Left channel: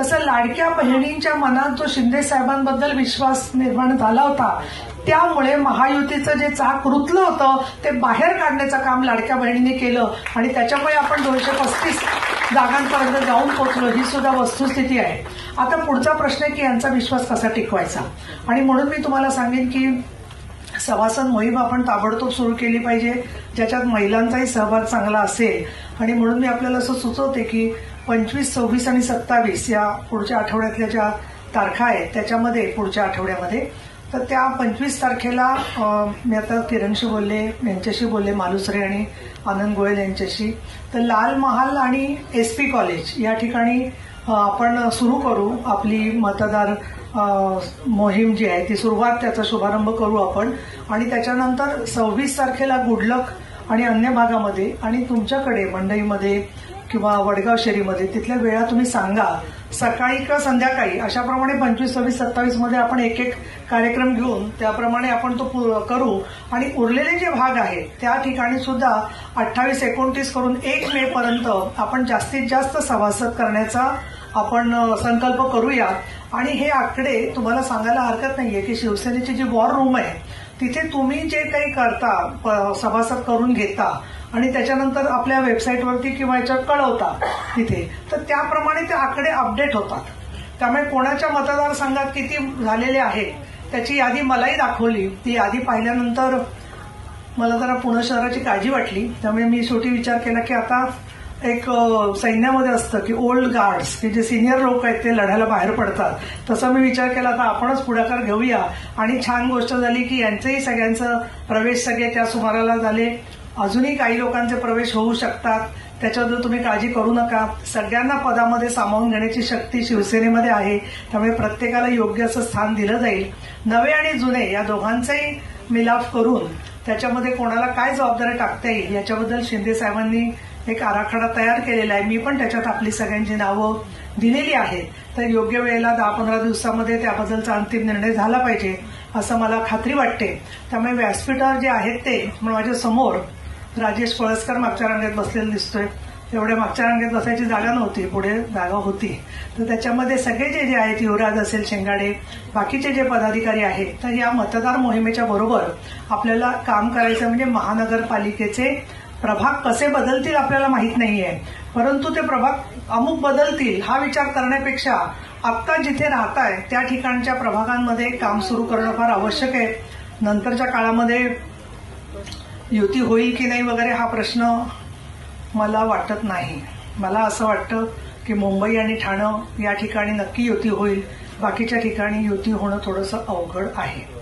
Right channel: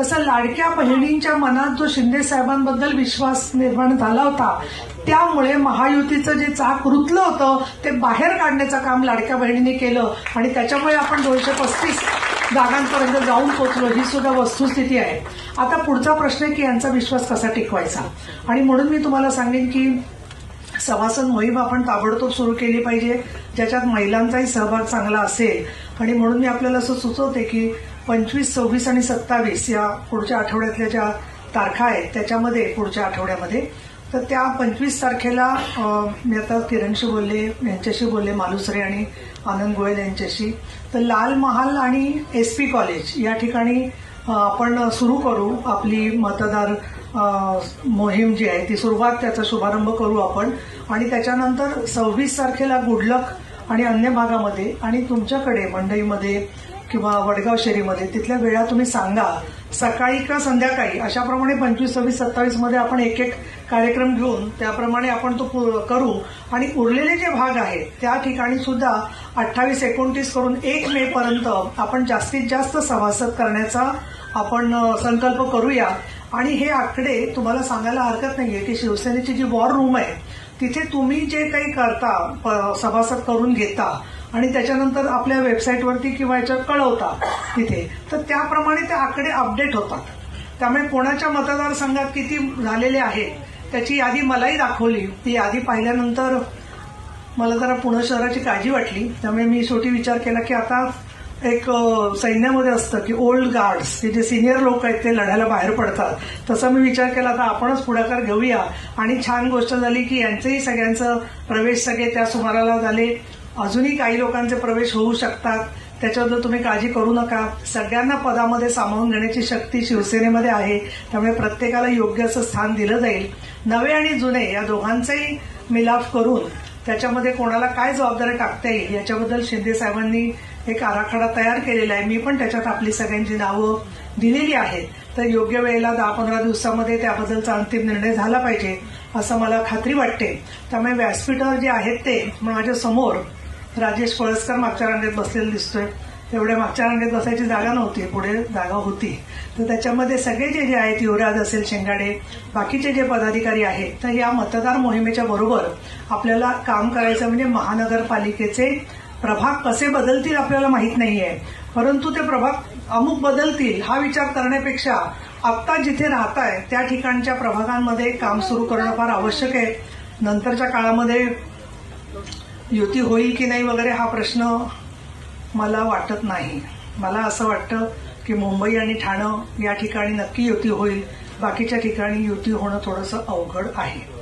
तसं लाडक्या बहिणींच्या मनात जो शिंदे साहेबांबद्दल विश्वास निर्माण झाला होता त्यामुळे महायुतीचं जे चाक रुतलं होतं ते बाहेर काढण्याचं काम लाडक्या बहिणीने केलं. आणि त्याच्यामुळे आपण दोनशे पस्तीस जागांपर्यंत जाऊन पोहोचलो ही सुद्धा वस्तुस्थिती आहे. आता पुढचा प्रश्न आहे की यांचा विश्वास कसा टिकवायचा? आणि म्हणून मी तुम्हाला सांगेन की सभासद मोहीम आपण ताबडतोब सुरू केली पाहिजे ज्याच्यात महिलांचाही सहभाग चांगला असेल. आणि म्हणून मी आपल्याला असं सुचवते की पंचवीस सव्वीस आणि सत्तावीस या पुढच्या आठवड्यातल्या ज्या तारखा आहेत त्याच्यामध्ये पुढच्या आठवड्यामध्ये. तर त्या पंचवीस तारखेला मी आता किरणशी बोलले यांच्याशी बोलले मालुसरे आणि आनंद गोयल यांच्याशी. तर लाल महाल आणि एस पी कॉलेज या ठिकाणी आपण सुरू करू आपली मतदार मोहीम जी आहे ती सुरुवात त्याचा शुभारंभ करू आपण. आणि त्याच्यानंतर सव्वीस तारखेला गुडलक आणि अन्य भागामध्ये आणि तुमच्याकडे मंडईमध्ये किंवा वडगाव शेरीमध्ये तिथल्या वेळा तुम्ही सांगा. सकाळी का संध्याकाळी? अशाप्रमाणे पंचवीस सव्वीस सत्तावीसमध्ये आपण एक एक कार्यक्रम घेऊन त्याप्रमाणे आपण तो करू. आणि उरलेले जे भाग आहेत त्या ठिकाणी सुद्धा अठ्ठावीस एकोणतीस करून एक मे पर्यंत आपण जास्तीत जास्त सभासद करण्याचा आपण संकल्प करूया. आणि हे आकडे तुम्हाला सांगायला हरकत नाहीये की शिवसेनेची जी वॉर रूम आहे तिथे तुम्ही जे काही करता सभासद करून घेता आणि त्याच्यानंतर आपल्या वेबसाईटवरती किंवा याच्यावर कळवता तिथे तर त्याप्रमाणे ते आकडे अपडेट होतात. त्यामुळे कोणाच्या मतदारसंघात किती झालेले आहेत त्याची यादी मलाही दाखवली. ती यादी पाहिल्यानंतर मला जरा पुणे शहराची काळजी वाटली. त्यामुळे मी शेवटी विचार केला की आता एक सैन्यामध्ये असतं की ओल्ड गार्ड्स हे जे सिनियर लोक आहेत ते लढायला बाहेर पडतात. तसं मी विचार केला तर आपणच पुढाकार घेऊया. आणि छान गोष्ट झाली की यांचंही सगळ्यांचं प्रवेश सगळे त्या सुमाराला झाले. अजूनही काही लोकांचे प्रवेश होऊ शकतात. त्याच्याबद्दल तुम्ही काळजी करू नका. सगळ्यांना पदामध्ये सामावून घेण्याची शक्ती शिवसेनेमध्ये आहे. त्यामुळे प्रत्येकाला योग्य असं स्थान दिलं जाईल. नवे आणि जुने या दोघांचाही मिलाफ करून त्याच्यामध्ये कोणाला काय जबाबदारी टाकता येईल याच्याबद्दल शिंदे साहेबांनी एक आराखडा तयार केलेला आहे. मी पण त्याच्यात आपली सगळ्यांची नावं दिलेली आहेत. तर योग्य वेळेला दहा पंधरा दिवसामध्ये त्याबद्दलचा अंतिम निर्णय झाला पाहिजे असं मला खात्री वाटते. त्यामुळे व्यासपीठावर जे आहेत ते म्हणजे माझ्यासमोर राजेश पळसकर मागच्या रांगेत बसलेला दिसतोय. एवढ्या मागच्या रांगेत बसायची जागा नव्हती पुढे जागा होती. तर त्याच्यामध्ये सगळे जे जे आहेत युवराज असेल शेंगाडे बाकीचे जे पदाधिकारी आहेत तर या मतदार मोहिमेच्या बरोबर आपल्याला काम करायचं म्हणजे महानगरपालिकेचे प्रभाग कसे बदलतील आपल्याला माहीत नाहीये. परंतु ते प्रभाग अमुक बदलतील हा विचार करण्यापेक्षा आत्ता जिथे राहताय त्या ठिकाणच्या प्रभागांमध्ये काम सुरू करणं फार आवश्यक आहे. नंतरच्या काळामध्ये युती होईल की नाही वगैरे हा प्रश्न मला वाटत नाही. मला असं वाटतं की मुंबई आणि ठाणं या ठिकाणी नक्की युती होईल. बाकीच्या ठिकाणी युती होणं थोडंसं अवघड आहे.